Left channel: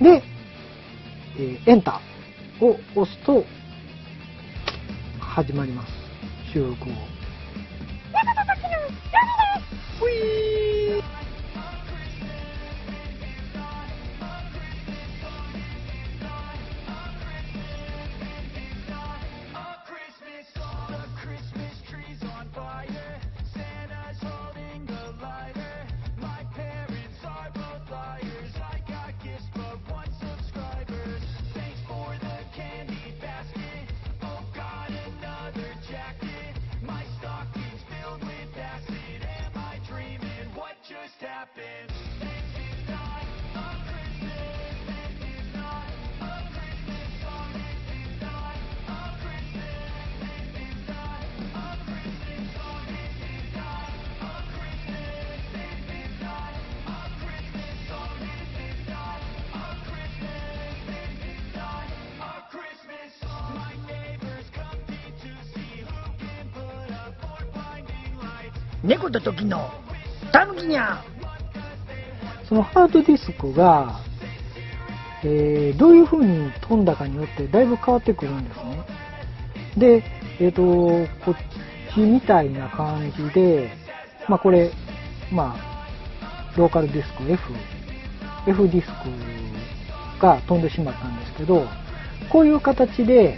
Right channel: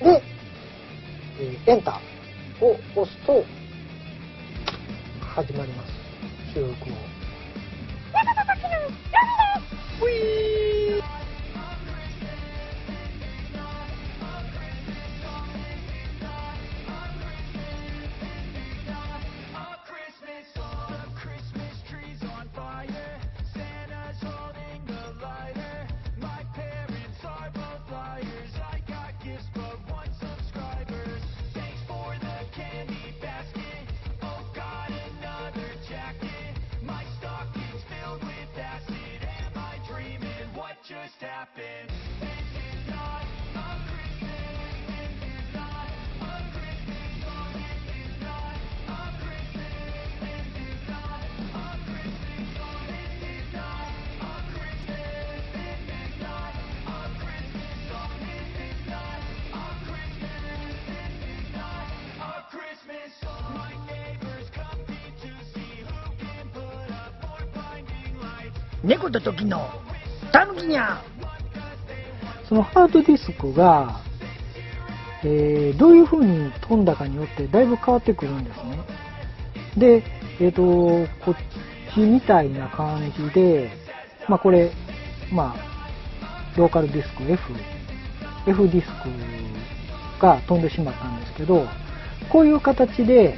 で、エンターを押すと始まります。収録を。ウィー。猫と時のたぬきにゃ。そのハードディスクが、どういう風に飛んだかによってだいぶ変わってくるんですね。で、こっちみたいな感じで、これ、ローカルディスク F ディスクが飛んでしまったんですけど、こういう形で、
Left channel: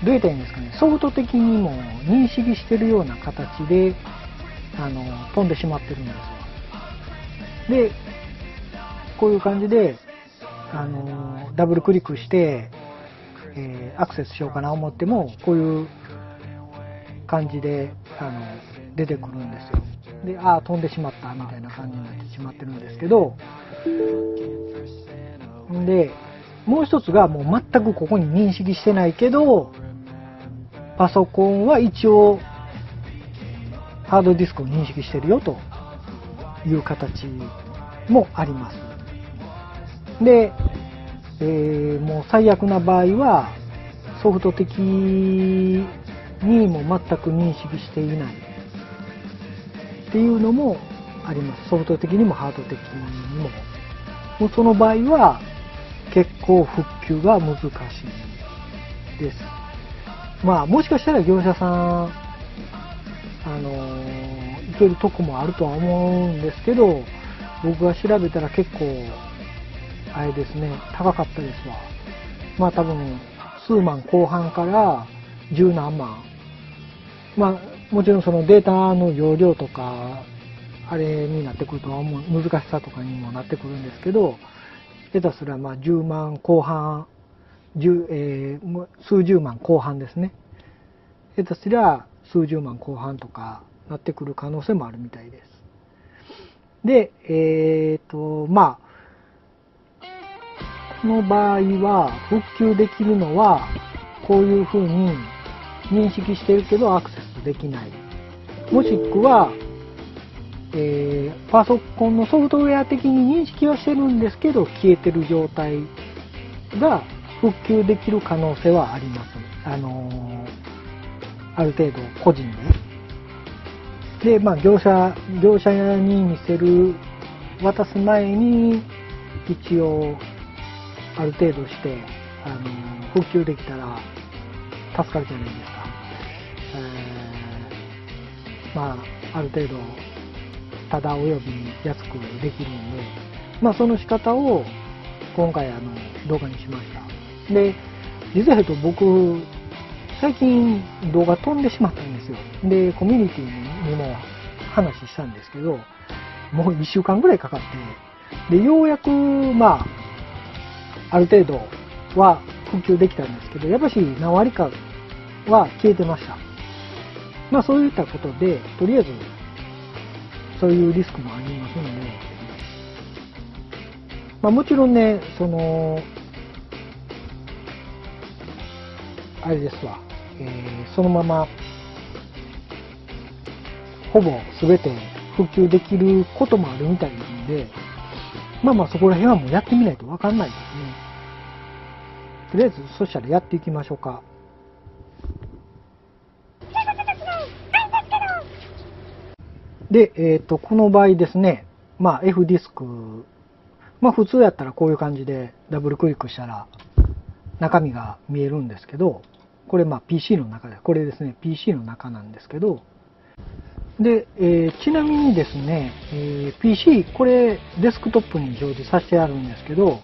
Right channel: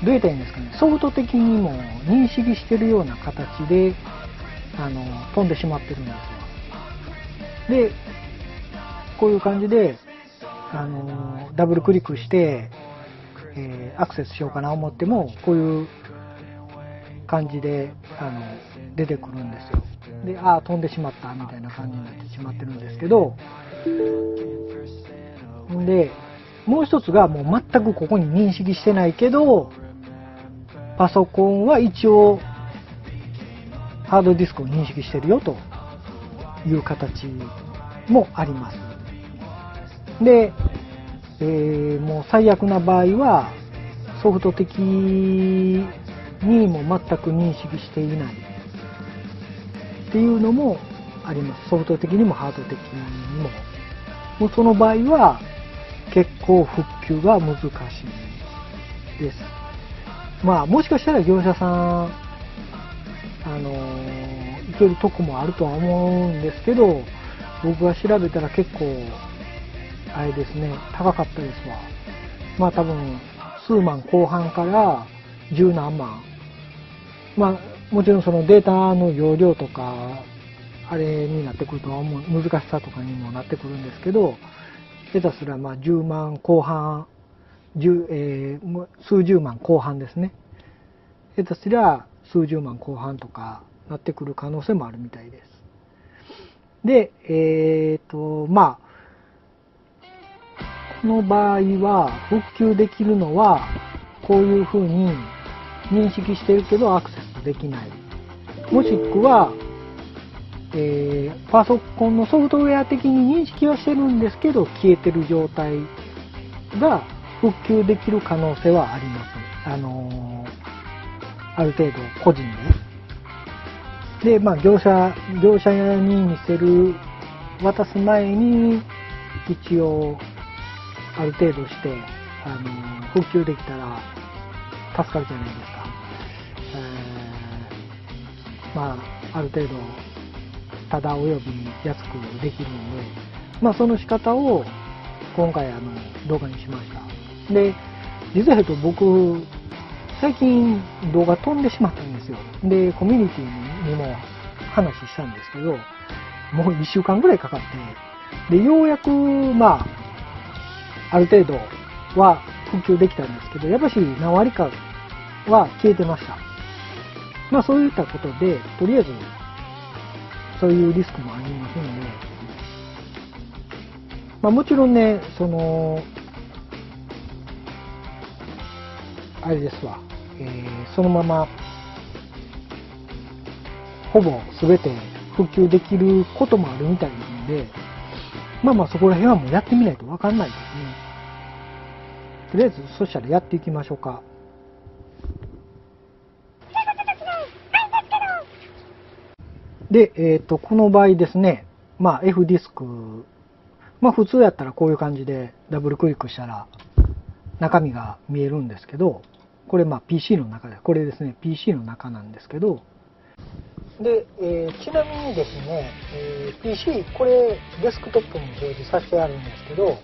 どう言ったらいいんですかね、ソフト的にも認識してるような形で、飛んでしまってるんですわ。で、こういう感じで、ダブルクリックして、アクセスしようかな思っても、こういう感じで、出てくるんですよ。で、飛んでしまったみたいな感じになってしまってるんですけど、で、もう一つがもう全くここに認識してないけど、パソコンは一応ハードディスクを認識してるよという形もあります。で、もう最悪な場合はソフト的にも全く認識していないっていうのもあります。ソフト的にもハード的にも。もうその場合は結構復旧が難しいです。もしかしたら業者さんいけるとこもあるとは思うんですけど、僕が調べたら結構あれですね、高かったですわ。多分数万後半から十何万。もちろんそのデータの容量とかあれになってくるとは思う、難しさとかにもなってくるんですけど、下手すら10万後半、数十万後半ですね。下手すりゃ数十万後半とかなってくる可能性もあるみたいです。で、この場合は復旧できるのはこういう風に認識してるけどアクセスできない。もしくは、パソコンのソフトウェア的に認識はしてるんですけど消えてる状態が復旧できる可能性はあります。ある程度個人で。で、業者に渡す前に一応ある程度して復旧できたら助かるじゃないですか。ある程度ただおよび安くできるので、その仕方を今回動画にしました。で、実は言うと僕最近動画飛んでしまったんですよ。で、コミュニティにも話したんですけど、もう1週間ぐらいかかって、で、ようやく、ある程度は復旧できたんですけど、やっぱし何割かは消えてました。そういったことで、とりあえず、そういうリスクもありますので、もちろんね、あれですわ、そのままほぼ全て復旧できることもあるみたいなので、そこら辺はもうやってみないと分かんないですね。とりあえずそしたらやっていきましょうか。で、この場合ですね、F ディスクまあ普通やったらこういう感じでダブルクリックしたら中身が見えるんですけど、これまあ PC の中で、これですね、PC の中なんですけど、で、ちなみにですね、PC、これデスクトップに表示させてあるんですけど、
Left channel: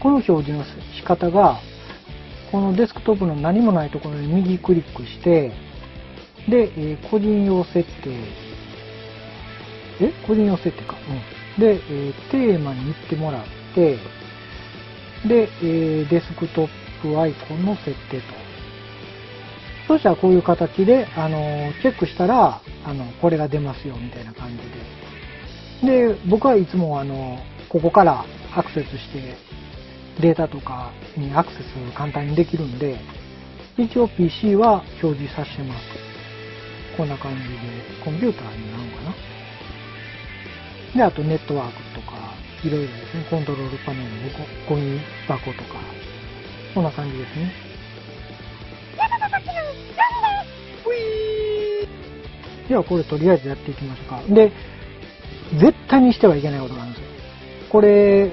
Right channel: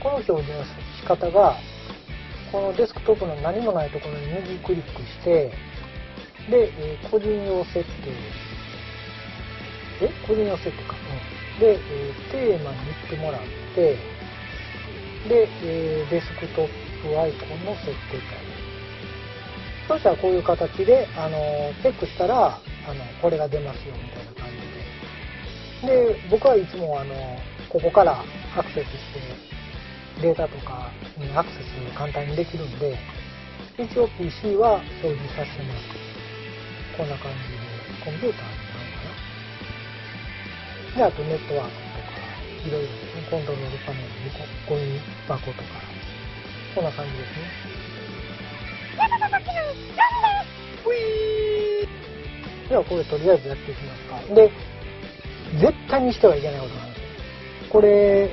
この表示の仕方が、このデスクトップの何もないところに右クリックして、で、個人用設定、個人用設定か。で、テーマに行ってもらって、で、デスクトップアイコンの設定と。そしたらこういう形で、チェックしたら、これが出ますよみたいな感じで。で、僕はいつもここからアクセスして、データとかにアクセス簡単にできるんで、一応 PC は表示させてます。こんな感じで、コンピューターになるのかな。で、あとネットワークとか、いろいろですね、コントロールパネルでゴミ箱とか、こんな感じですね。ではこれとりあえずやっていきますか。で、絶対にしてはいけないことなんですよ。これ、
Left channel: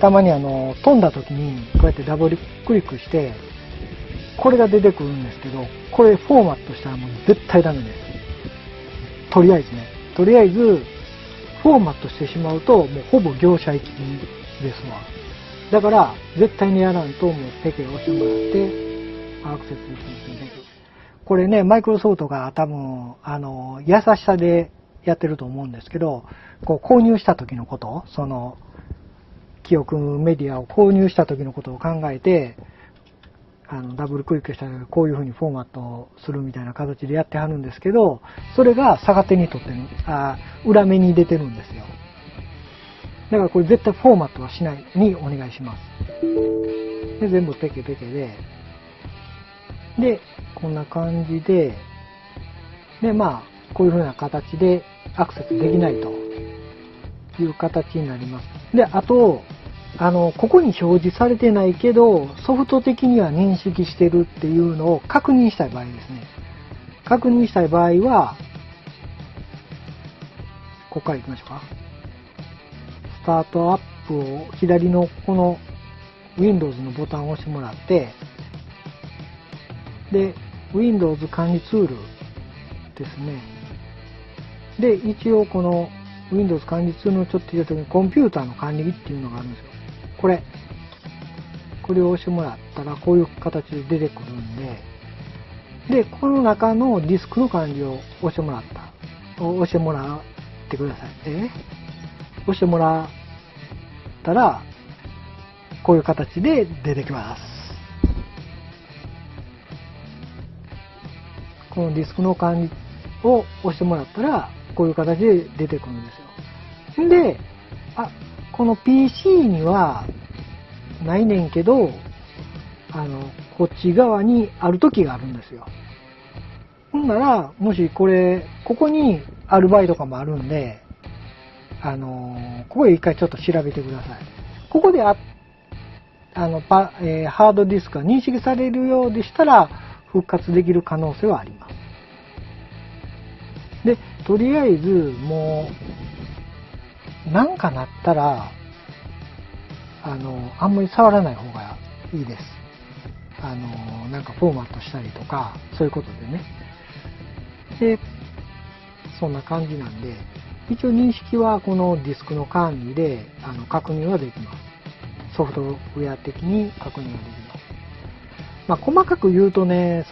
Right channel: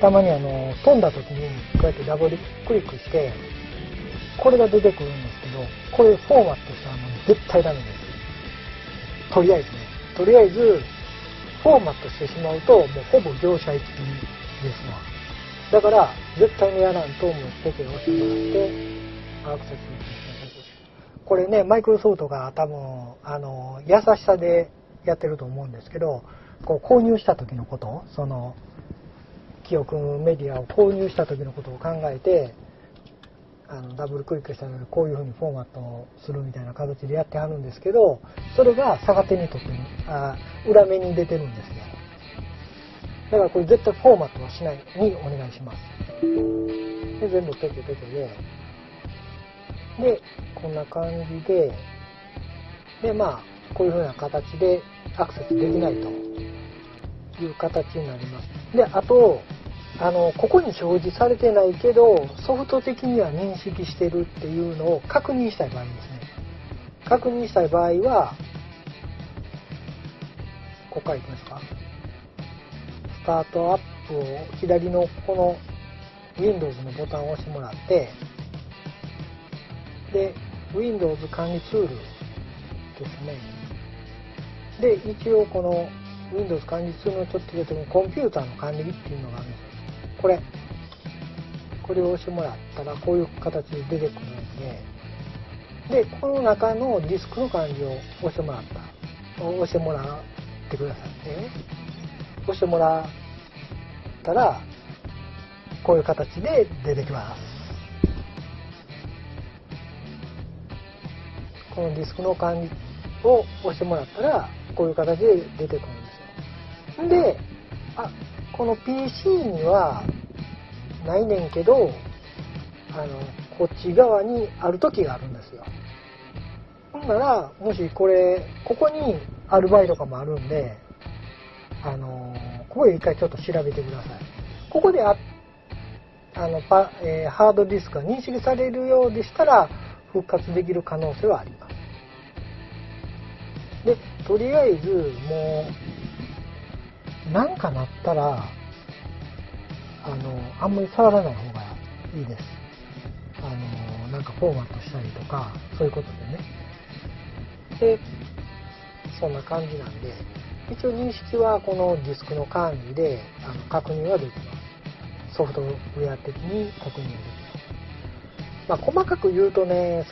たまに飛んだ時にこうやってダブルクリックして、これが出てくるんですけど、これフォーマットしたらもう絶対ダメです。とりあえずね。とりあえず、フォーマットしてしまうと、もうほぼ業者行きですわ。だから、絶対にやらんと、もうペケを押してもらって、アクセスこれね、マイクロソフトが多分、優しさでやってると思うんですけど、こう購入した時のこと、記憶メディアを購入した時のことを考えて、ダブルクリックしたらこういう風にフォーマットをするみたいな形でやってはるんですけど、それが逆手にとって、裏目に出てるんですよ。だからこれ絶対フォーマットはしないにお願いします。で、全部ペケペケで、で、こんな感じで、で、まあ、こういう風な形でアクセスできないという形になります。で、あと、ここに表示されてないけど、ソフト的には認識してるっていうのを確認したい場合ですね。確認したい場合は、ここから行きましょうか。スタートアップを左のこの Windows のボタンを押してもらって、で、Windows 管理ツールですね。で、一応この Windows 管理ツールのちょっと言うときにコンピューターの管理っていうのがあるんですよ。これを押してもらったらこういう形で出てくるんで、で、この中のディスクの管理を押してもらってください。押してもらったら、こういう形で出てきます。このディスクの管理を押してもらったら、こういう形で出てくるんですよ。で、この PC にはないねんけど、こっち側にある時があるんですよ。ほんなら、もしここにある場合とかもあるんで、ここで一回ちょっと調べてください。ここでハードディスクが認識されるようでしたら、復活できる可能性はあります。で、とりあえず、もう、なんかなったら、あんまり触らない方がいいです。なんかフォーマットしたりとか、そういうことでね。で、そんな感じなんで、一応認識はこのディスクの管理で確認はできます。ソフトウェア的に確認ができます。まあ、細かく言うとね、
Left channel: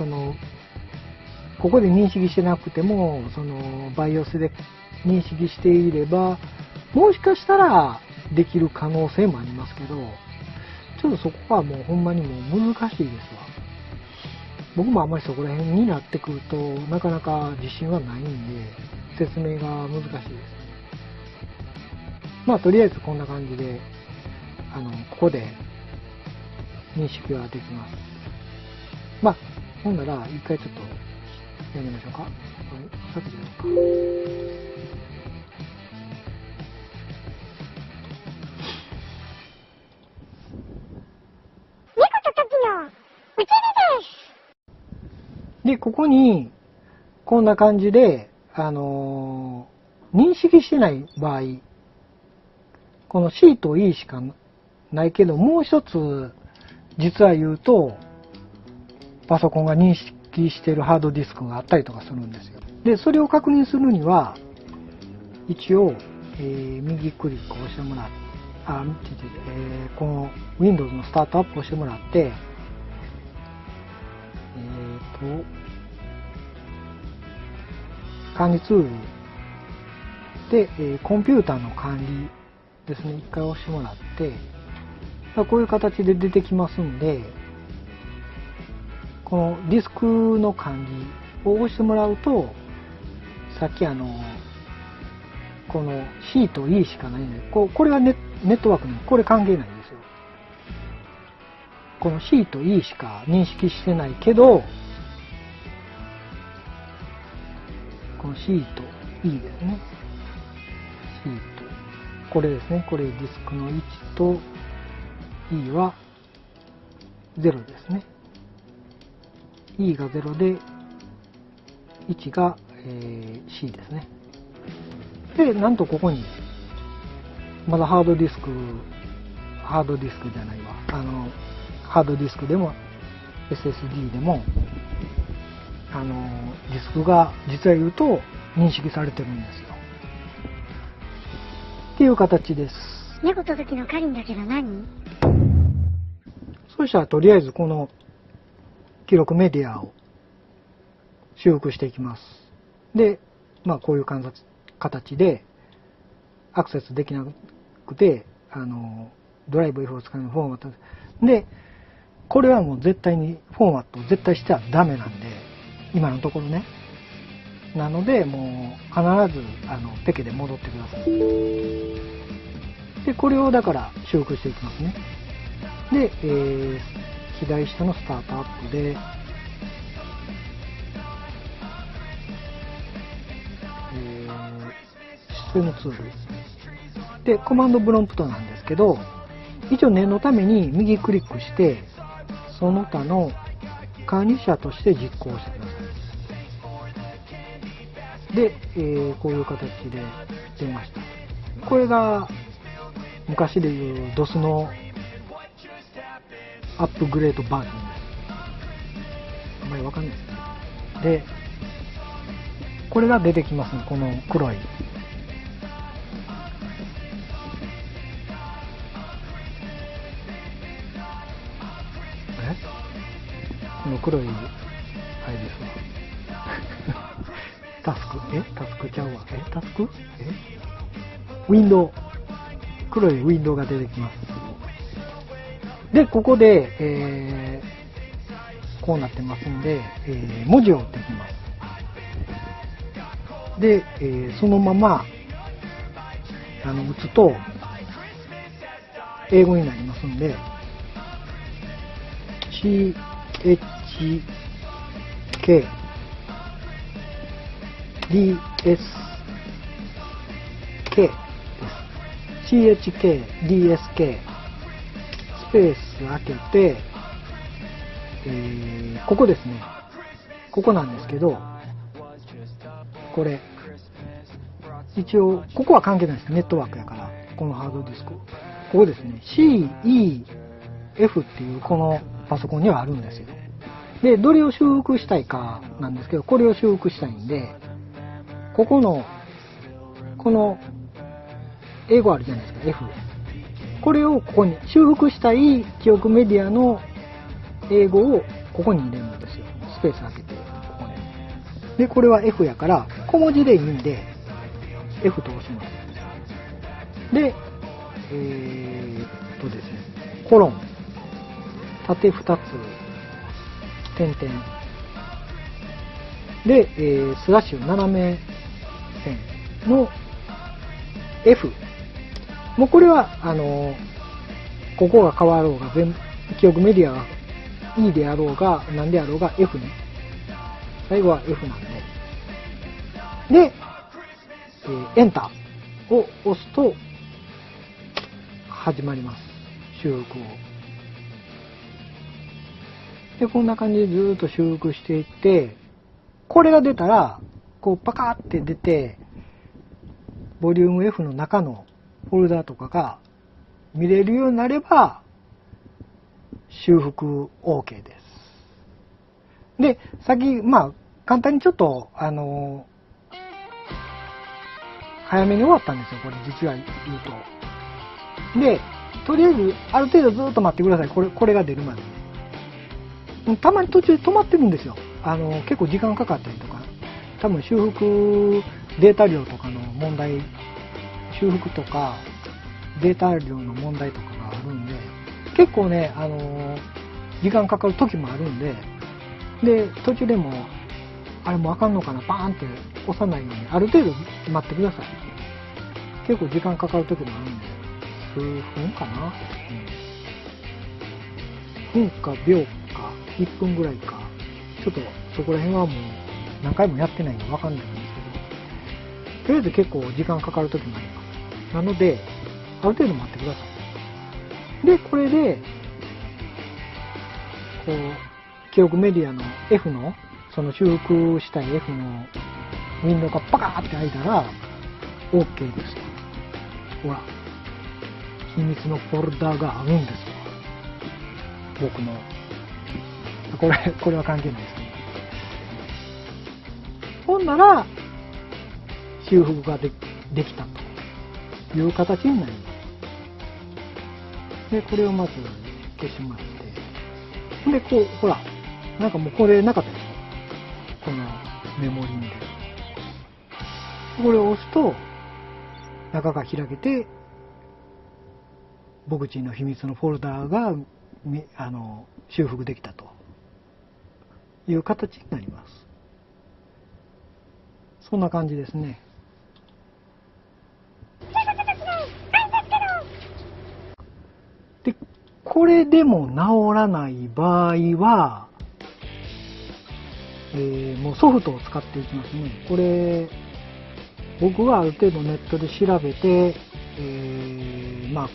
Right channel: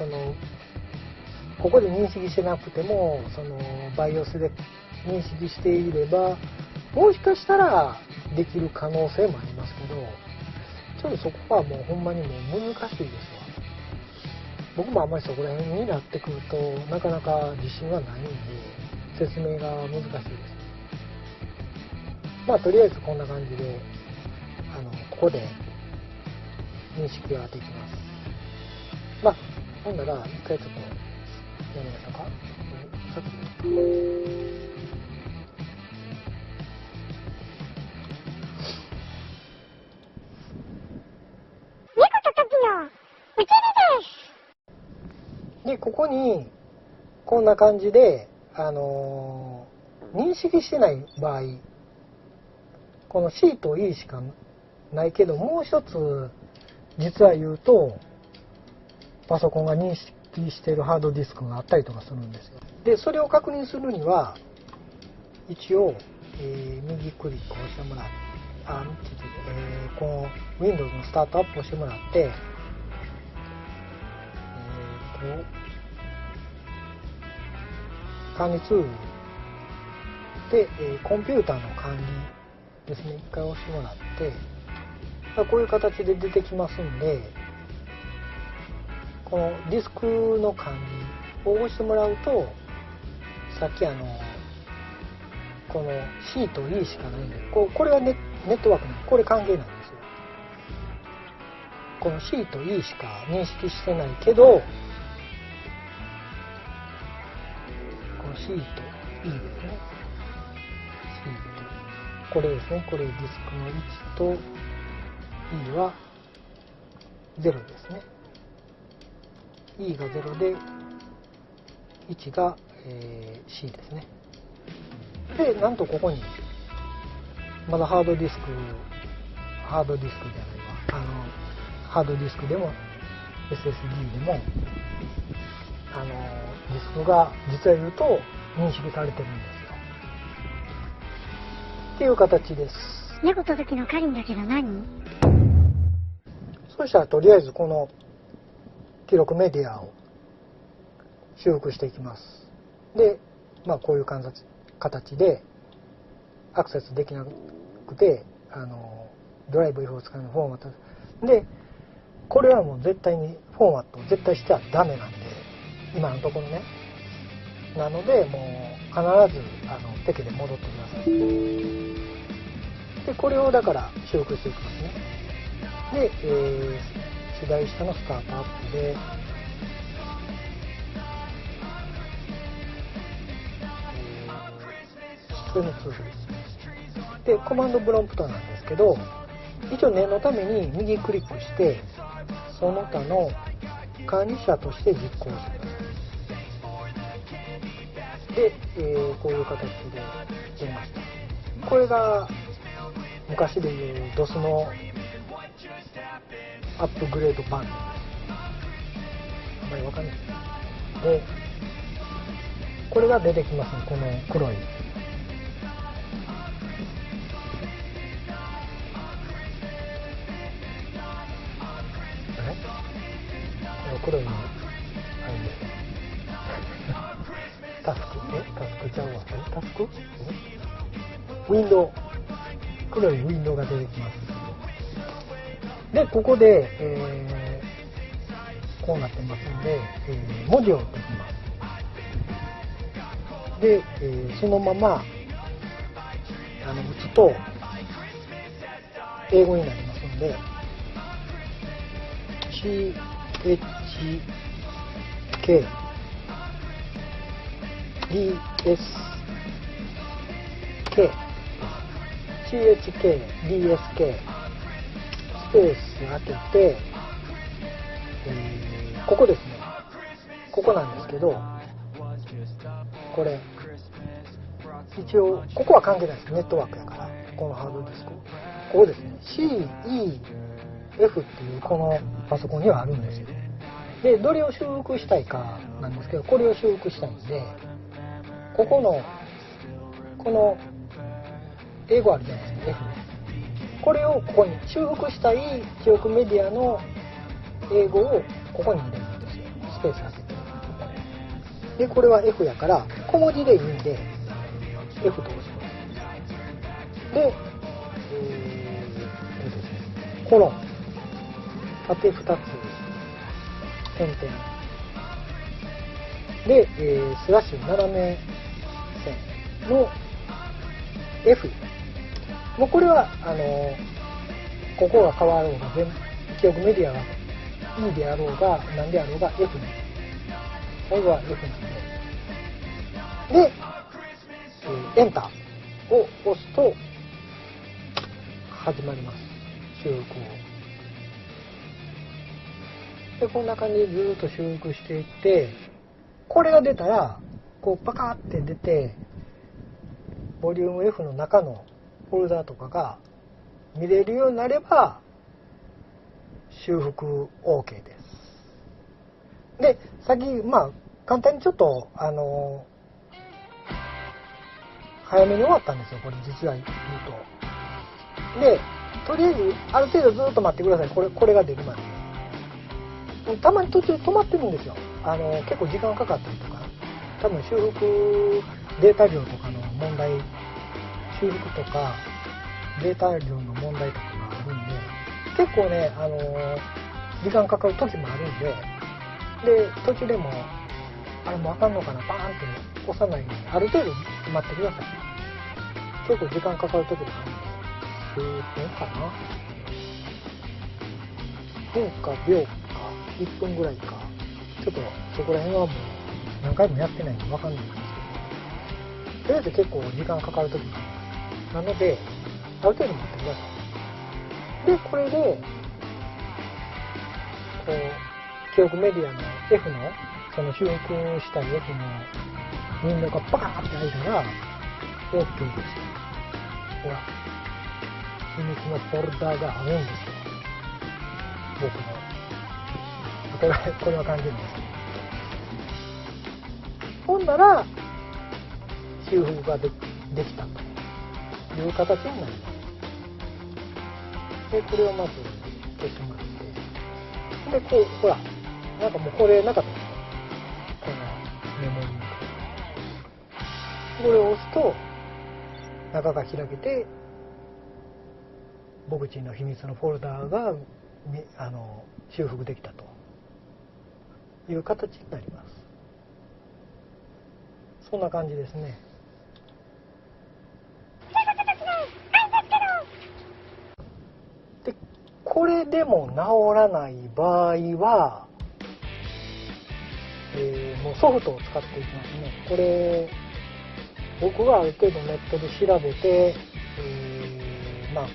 ここで認識してなくても、BIOS で認識していれば、もしかしたらできる可能性もありますけど、ちょっとそこはもうほんまにもう難しいですわ。僕もあんまりそこら辺になってくると、なかなか自信はないんで、説明が難しいです。まあ、とりあえずこんな感じで、ここで認識ができます。まあ、ほんなら、一回ちょっとやりましょうか。さっきやるか。で、ここに、こんな感じで、認識してない場合この C と E しかないけど、もう一つ実は言うとパソコンが認識しているハードディスクがあったりとかするんですよ。でそれを確認するには一応、右クリックをしてもらって、この Windows のスタートアップをしてもらって、管理ツールで、コンピューターの管理ですね、一回押してもらって、こういう形で出てきますんで、このディスクの管理を押してもらうと、さっきこの C と E しかないんで、これがネットワークなんで、これ関係ないんですよ。この C と E しか認識してないけど、この C と E ですね。C と、これですね。これディスクの1と E は0ですね。E が0で、1が、C ですね。で、なんとここに、まだハードディスクじゃないわ。ハードディスクでも SSD でも、ディスクが実は言うと認識されてるんですよ。っていう形です。猫と時の狩りんだけど何？そしたらとりあえずこの記録メディアを修復していきます。で、こういう形でアクセスできなくて、ドライブ F を使うフォーマットで、これはもう絶対にフォーマットを絶対してはダメなんで、今のところね。なので、もう必ずペケで戻ってください。で、これをだから修復していきますね。で、左下のスタートアップで、システムツールでコマンドプロンプトなんですけど、一応念のために右クリックしてその他の管理者として実行してください。で、こういう形で出ました。これが昔でいう DOS のアップグレードバージョンです。あんまりわかんないですね。で、これが出てきますね。この黒い。黒いあれですか。タスクちゃうわ。タスクウィンドウ。黒いウィンドウが出てきます。で、ここで、こうなってますので、文字を打ってきます。で、そのまま打つと英語になりますので、CHK DSK CHK DSK スペース開けて、ここですね。ここなんですけど、これ一応ここは関係ないです。ネットワークだから、このハードディスク、ここですね。CEF っていうこのパソコンにはあるんですよ。で、どれを修復したいかなんですけど、これを修復したいんで、ここの英語あるじゃないですか、F。これをここに修復したい記憶メディアの英語をここに入れるんですよ。スペース開けて。で、これは F やから小文字でいいんで F と押します。で、ですね、コロン、縦2つ、点々。で、スラッシュ斜め線の F。もうこれは、ここが変わろうが、記憶メディアが E であろうが、何であろうが F ね。最後は F なんで。で、エンターを押すと、始まります。修復を。で、こんな感じでずーっと修復していって、これが出たら、こうパカーって出て、ボリューム F の中のフォルダとかが見れるようになれば修復 OK です。で、先、簡単にちょっと、早めに終わったんですよ、これ実は言うと。で、とりあえず、ある程度ずっと待ってください。これが出るまで。たまに途中で止まってるんですよ。結構時間かかったりとか。多分修復データ量とかの問題、修復とかデータ量の問題とかがあるんで、結構ね、時間かかる時もあるんで、で、途中でも、あれもうあかんのかな、バーンって押さないように、ある程度待ってください。結構時間かかる時もあるんで、数分かな、分か秒か、1分ぐらいか、ちょっとそこら辺はもう何回もやってないかわかんないんですけど、とりあえず結構時間かかる時もあります。なので、ある程度待ってください。で、これで、こう、記憶メディアの F の、その修復したい F のウィンドウがパカーって開いたら、OK です。ほら、秘密のフォルダがあるんですよ。僕の。これは関係ないです。ほんなら、修復ができたという形になります。で、これをまず消しまして。で、こう、ほら、なんかもうこれなかったです。このメモリに。これを押すと、中が開けて、僕ちの秘密のフォルダが修復できたという形になります。そんな感じですね。で、これでも治らない場合は、もうソフトを使っていきますね。これ、僕はある程度ネットで調べて、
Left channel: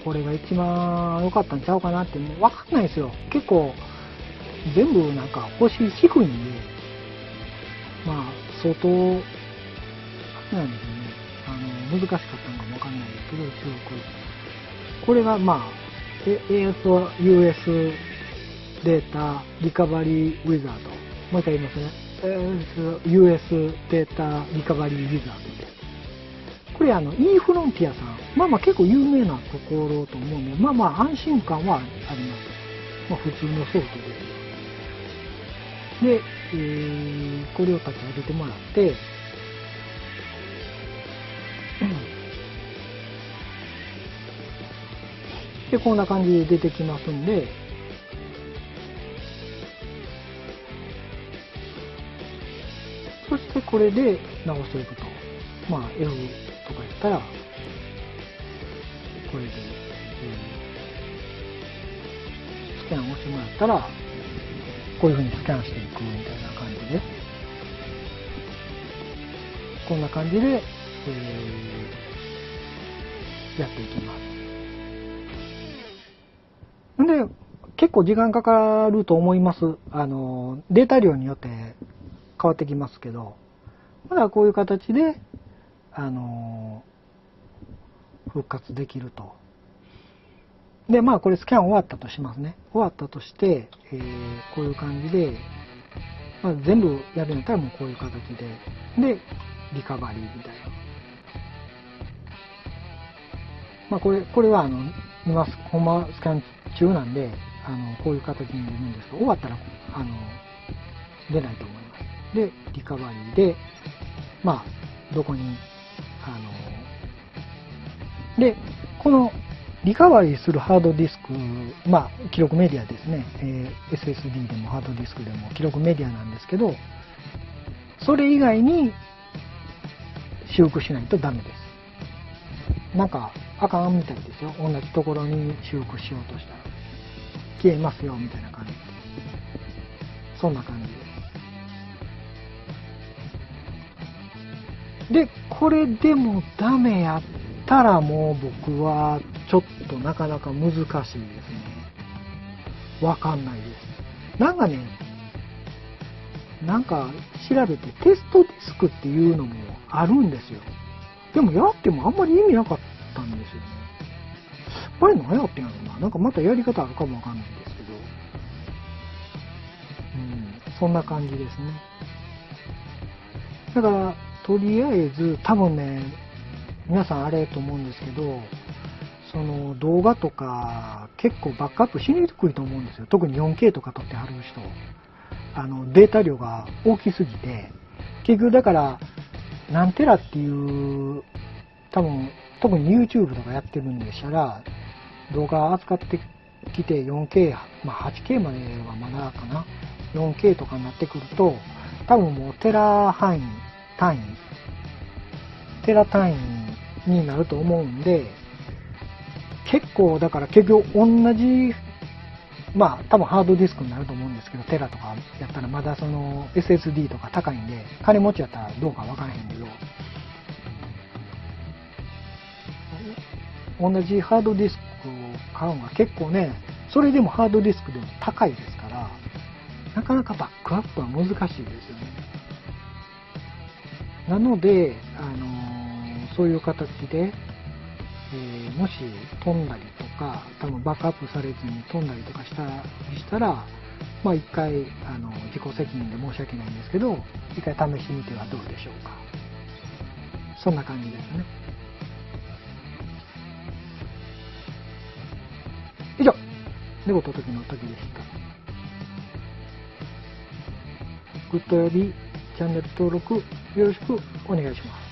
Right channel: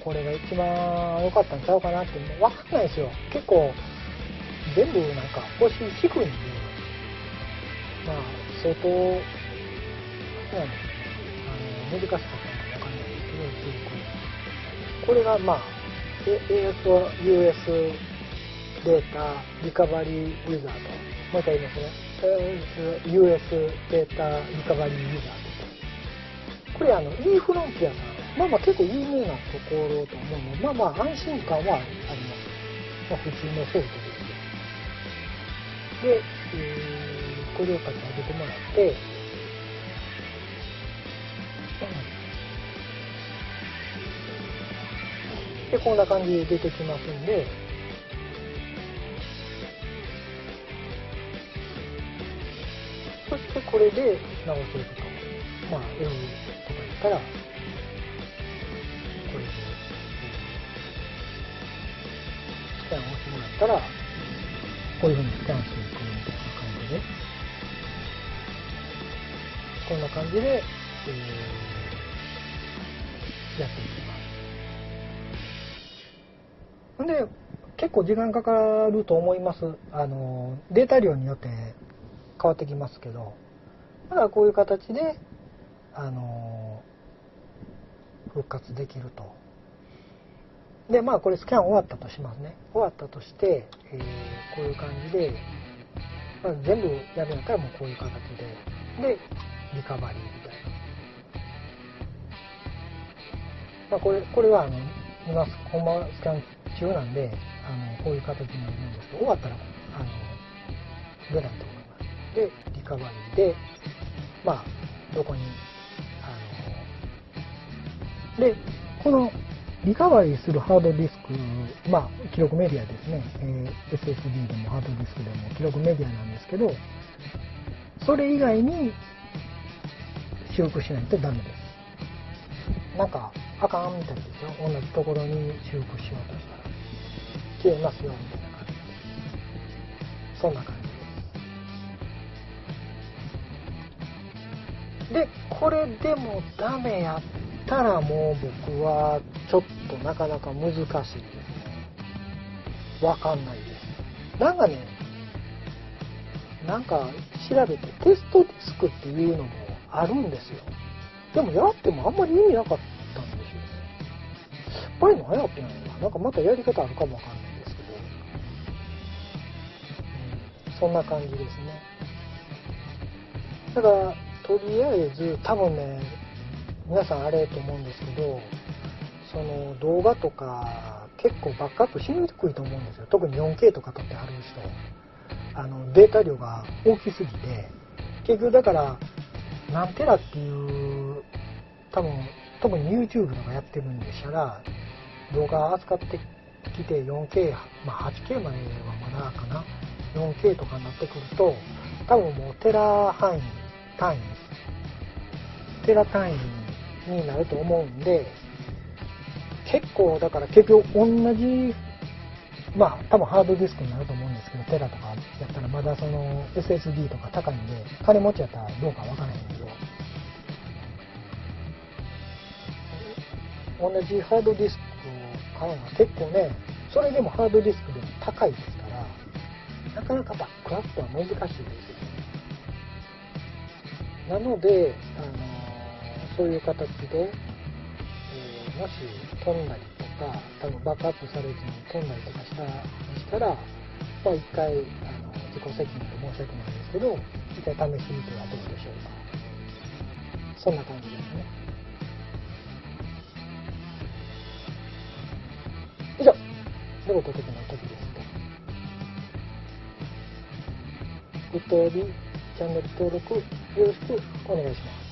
これが一番良かったんちゃうかなって、もう分かんないですよ。結構、全部なんか星低いんで、相当、なんですよね。難しかったのかもわかんないですけど、すごく。これがASUS データリカバリーウィザード。もう一回言いますね。US データリカバリーウィザード。これE フロンティアさん。結構有名なところと思うので、安心感はあります。普通のソフトで。で、これを立ち上げてもらって、で、こんな感じで出てきますんで、そしてこれで直していくと。F とかやったら、これで、スキャンを押してもらったら、こういう風にスキャンしていくみたいな感じで、こんな感じで、やっていきます。で、結構時間かかると思います。データ量によって変わってきますけど、まだこういう形で、復活できると。で、これスキャン終わったとしますね。終わったとして、こういう感じで、全部やるんやったらもうこういう形で、で、リカバリーみたいな。これは今、ほんまスキャン中なんで、こういう形になるんですけど、終わったら、出ないと思います。で、リカバリーで、どこに、で、このリカバリーするハードディスク、記録メディアですね、SSD でもハードディスクでも記録メディアなんですけど、それ以外に修復しないとダメです。なんか、あかんみたいですよ。同じところに修復しようとしたら。消えますよ、みたいな感じ。そんな感じです。で、これでもダメやったらもう僕はちょっとなかなか難しいですね。わかんないです。なんか調べてテストディスクっていうのもあるんですよ。でもやってもあんまり意味なかったんですよ。ぱり何やってんのな。なんかまたやり方あるかもわかんないですけど、そんな感じですね。だから、とりあえず、多分ね、皆さんあれと思うんですけど、その動画とか結構バックアップしにくいと思うんですよ。特に 4K とか撮ってはる人。データ量が大きすぎて、結局だから、何テラっていう、多分、特に YouTube とかやってるんでしたら、動画扱ってきて 4K、まあ 8K まではまだかな。4K とかになってくると、多分もうテラ単位、テラ単位になると思うんで、結構だから結局同じ、まあ多分ハードディスクになると思うんですけど、テラとかやったらまだその SSD とか高いんで、金持ちやったらどうかわからへんけど、同じハードディスクを買うのが結構ね、それでもハードディスクでも高いですから、なかなかバックアップは難しいですよね。なので、そういう形で、もし飛んだりとか、多分バックアップされずに飛んだりとかしたら、まあ一回、自己責任で申し訳ないんですけど、一回試してみてはどうでしょうか。そんな感じですね。以上、猫と時の時でした。グッドよりチャンネル登録よろしくお願いします。